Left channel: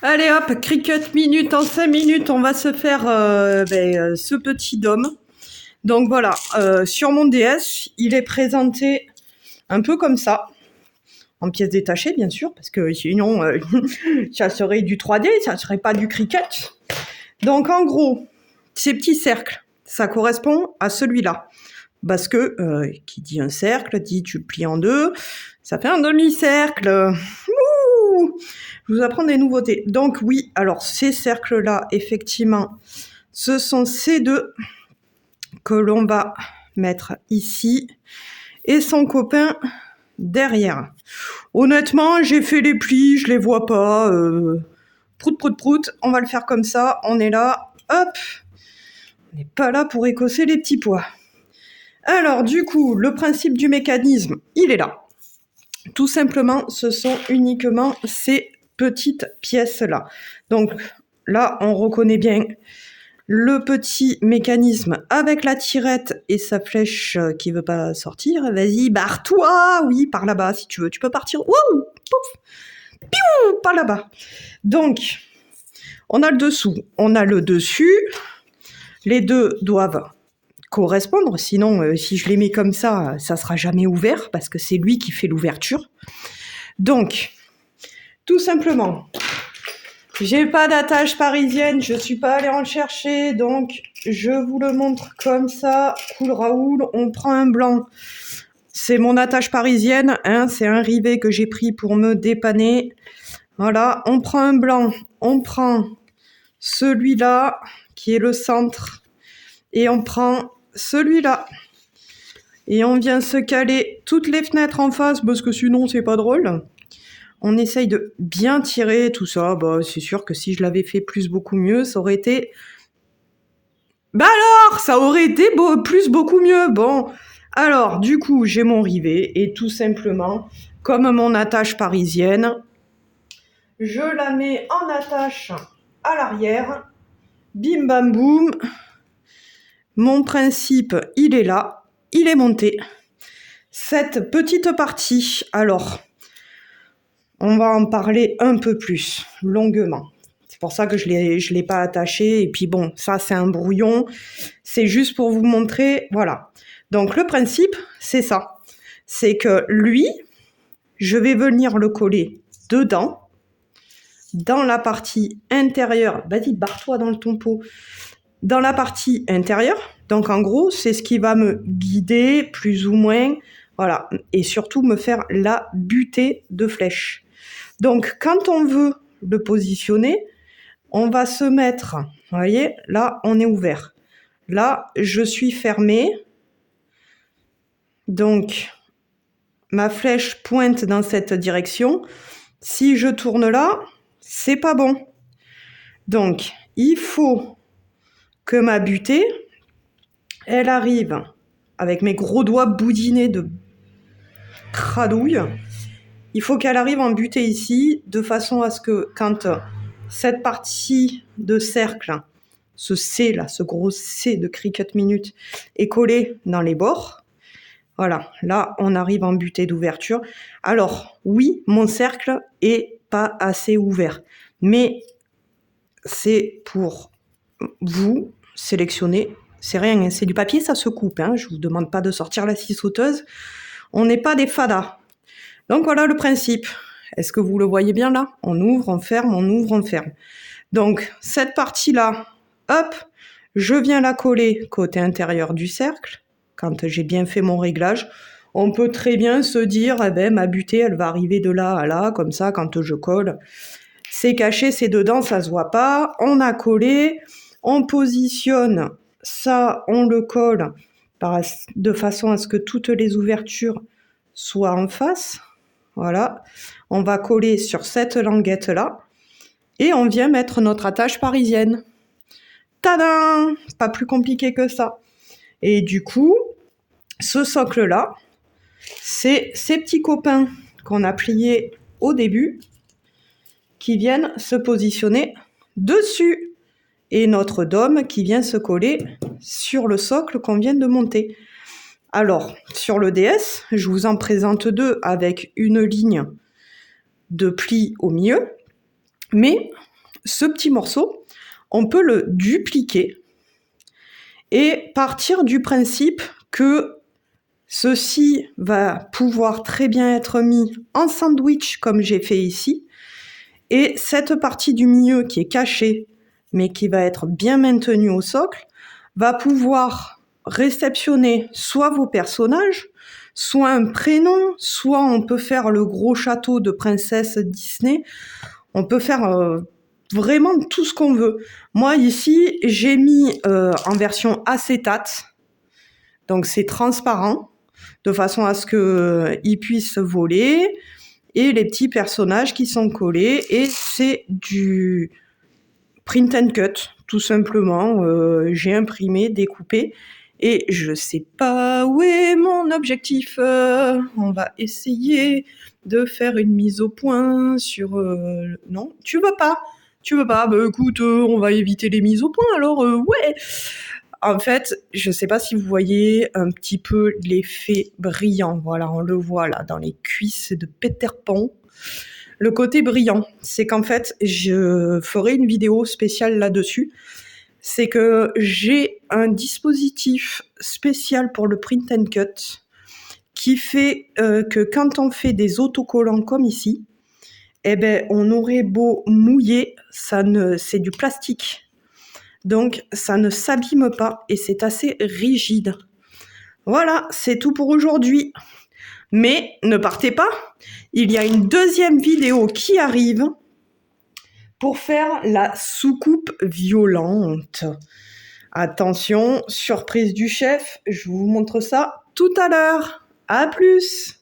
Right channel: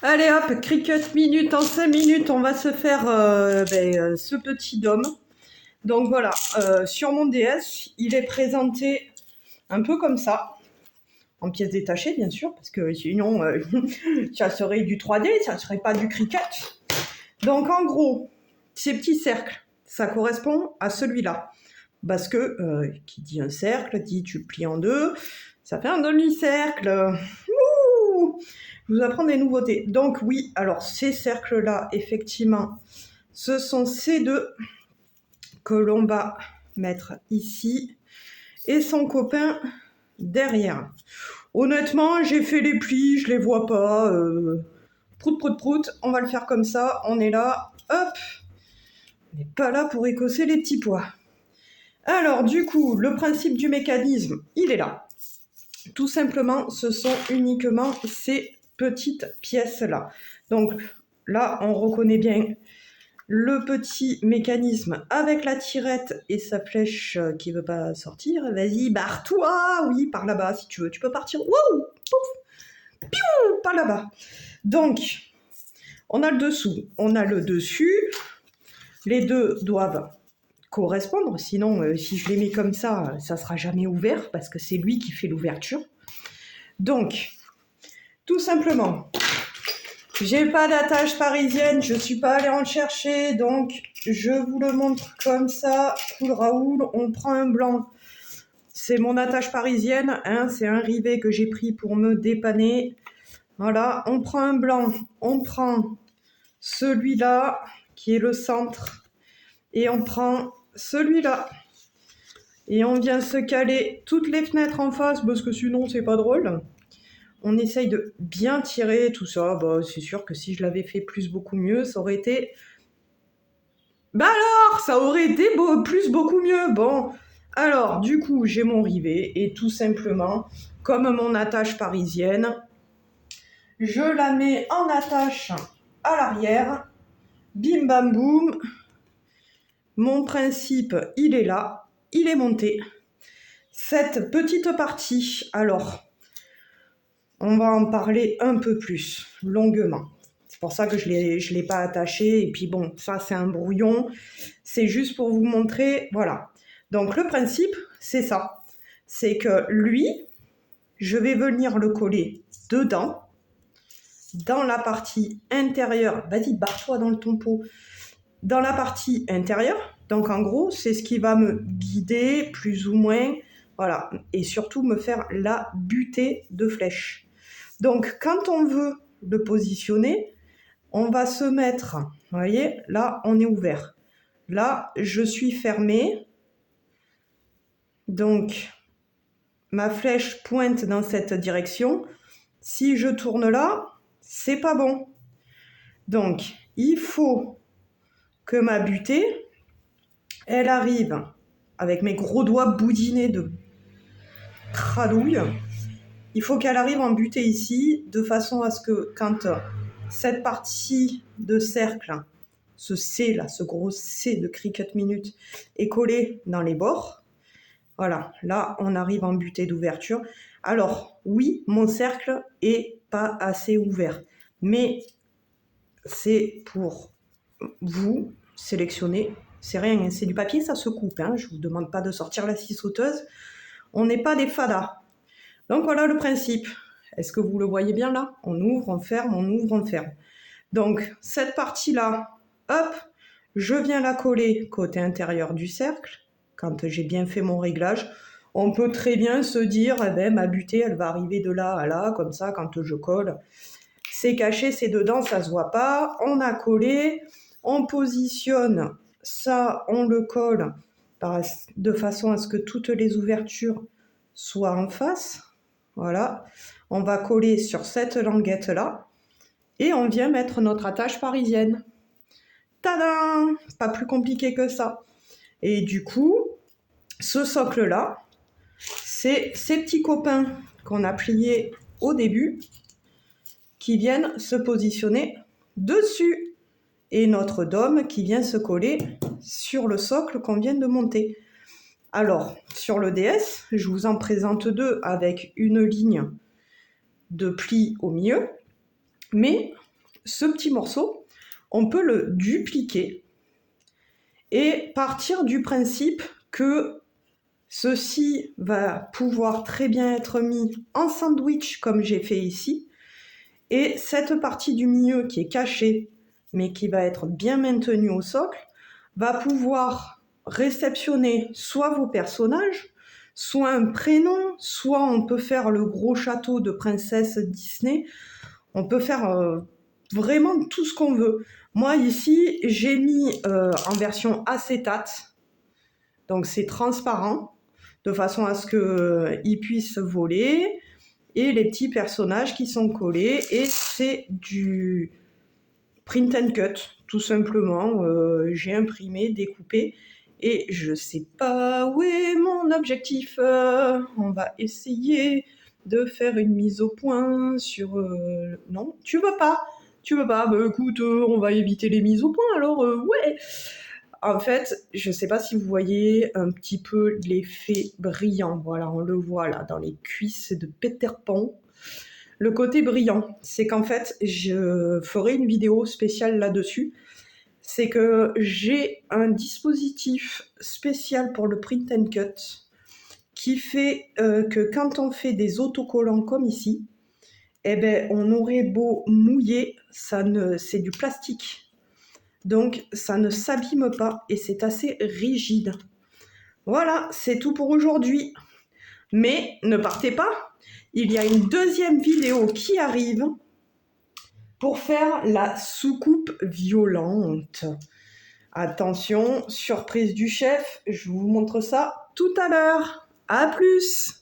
Allez hop, Cricut minute en 5 minutes, on va se faire ce petit dôme. Donc voilà, sur mon DS, il est présenté un peu comme ça, en pièces détachées bien sûr, parce que sinon ça serait du 3D, ça serait pas du Cricut. Donc en gros, ces petits cercles, ça correspond à celui-là. Parce que qui dit un cercle, dit tu le plies en deux, ça fait un demi-cercle. Ouh, je vous apprends des nouveautés. Donc oui, alors ces cercles-là, effectivement, ce sont ces deux que l'on va mettre ici et son copain derrière. Honnêtement, j'ai fait les plis, je les vois pas. Prout, prout, prout, on va le faire comme ça, on est là, hop. On n'est pas là pour écosser les petits pois. Alors du coup, le principe du mécanisme, il est là. Tout simplement, ce sont uniquement ces petites pièces-là. Donc là, on reconnaît bien le petit mécanisme avec la tirette et sa flèche qui veut pas sortir. Vas-y, barre-toi. Oui, par là-bas si tu veux. Tu peux partir. Wouh, pouf, piou, pas là-bas. Donc, on a le dessous, on a le dessus. Les deux doivent correspondre, sinon si je les mets comme ça sera jamais ouvert parce que c'est lui qui fait l'ouverture. Donc, tout simplement, j'ai pas d'attache parisienne, je suis pas allée en chercher, donc je vous le montre comme ça. Cool Raoul, on prend un blanc. C'est mon attache parisienne, hein, c'est un rivet que j'ai pris pour me dépanner. Voilà, on prend un blanc, on prend celui-là qui est le centre et on prend celui-là. Et on vient se caler toutes les fenêtres en face parce que sinon c'est pas drôle. On essaye de bien tirer tout ça. Bah, c'est sûr que si je l'avais fait plus beaucoup mieux, ça aurait été... Bah alors, ça aurait été beaucoup mieux. Bon, alors du coup, j'ai mon rivet et tout simplement, comme mon attache parisienne, je la mets en attache à l'arrière. Bim bam boum. Mon principe, il est là. Il est monté. Cette petite partie, alors... On va en parler un peu plus, longuement. C'est pour ça que je l'ai pas attaché. Et puis bon, ça c'est un brouillon. C'est juste pour vous montrer, voilà. Donc le principe, c'est ça. C'est que lui, je vais venir le coller dedans, dans la partie intérieure. Vas-y, barre-toi dans ton pot. Dans la partie intérieure. Donc en gros, c'est ce qui va me guider, plus ou moins. Voilà. Et surtout me faire la butée de flèche. Donc, quand on veut le positionner, on va se mettre, vous voyez, là, on est ouvert. Là, je suis fermée. Donc, ma flèche pointe dans cette direction. Si je tourne là, c'est pas bon. Donc, il faut que ma butée, elle arrive avec mes gros doigts boudinés de cradouille. Il faut qu'elle arrive en butée ici, de façon à ce que quand cette partie de cercle, ce C là, ce gros C de Cricut Minute, est collé dans les bords, voilà, là on arrive en butée d'ouverture. Alors oui, mon cercle est pas assez ouvert, mais c'est pour vous sélectionner. C'est rien, hein, c'est du papier, ça se coupe, hein, je vous demande pas de sortir la scie sauteuse. On n'est pas des fadas. Donc voilà le principe. Est-ce que vous le voyez bien là? On ouvre, on ferme, on ouvre, on ferme. Donc cette partie-là, hop, je viens la coller côté intérieur du cercle. Quand j'ai bien fait mon réglage, on peut très bien se dire, eh ben, ma butée, elle va arriver de là à là, comme ça, quand je colle. C'est caché, c'est dedans, ça se voit pas. On a collé, on positionne ça, on le colle de façon à ce que toutes les ouvertures soient en face. Voilà, on va coller sur cette languette-là et on vient mettre notre attache parisienne. Tadam! Pas plus compliqué que ça. Et du coup, ce socle-là, c'est ces petits copains qu'on a pliés au début qui viennent se positionner dessus. Et notre dôme qui vient se coller sur le socle qu'on vient de monter. Alors, sur le DS, je vous en présente deux avec une ligne de pli au milieu. Mais ce petit morceau, on peut le dupliquer et partir du principe que ceci va pouvoir très bien être mis en sandwich comme j'ai fait ici. Et cette partie du milieu qui est cachée, mais qui va être bien maintenue au socle, va pouvoir réceptionner soit vos personnages, soit un prénom, soit on peut faire le gros château de princesse Disney. On peut faire vraiment tout ce qu'on veut. Moi ici, j'ai mis en version acétate, donc c'est transparent, de façon à ce qu'ils puissent voler, et les petits personnages qui sont collés, et c'est du print and cut, tout simplement. J'ai imprimé, découpé, et je sais pas où est mon objectif. On va essayer de faire une mise au point sur... Non, tu veux pas? Tu veux pas? Bah écoute, on va éviter les mises au point, alors ouais. En fait, je sais pas si vous voyez un petit peu l'effet brillant. Voilà, on le voit là dans les cuisses de Peter Pan. Le côté brillant, c'est qu'en fait, je ferai une vidéo spéciale là-dessus. C'est que j'ai un dispositif spécial pour le print and cut qui fait que quand on fait des autocollants comme ici, eh ben, on aurait beau mouiller, c'est du plastique. Donc, ça ne s'abîme pas et c'est assez rigide. Voilà, c'est tout pour aujourd'hui. Mais ne partez pas, il y a une deuxième vidéo qui arrive pour faire la soucoupe violente. Attention, surprise du chef, je vous montre ça tout à l'heure. À plus!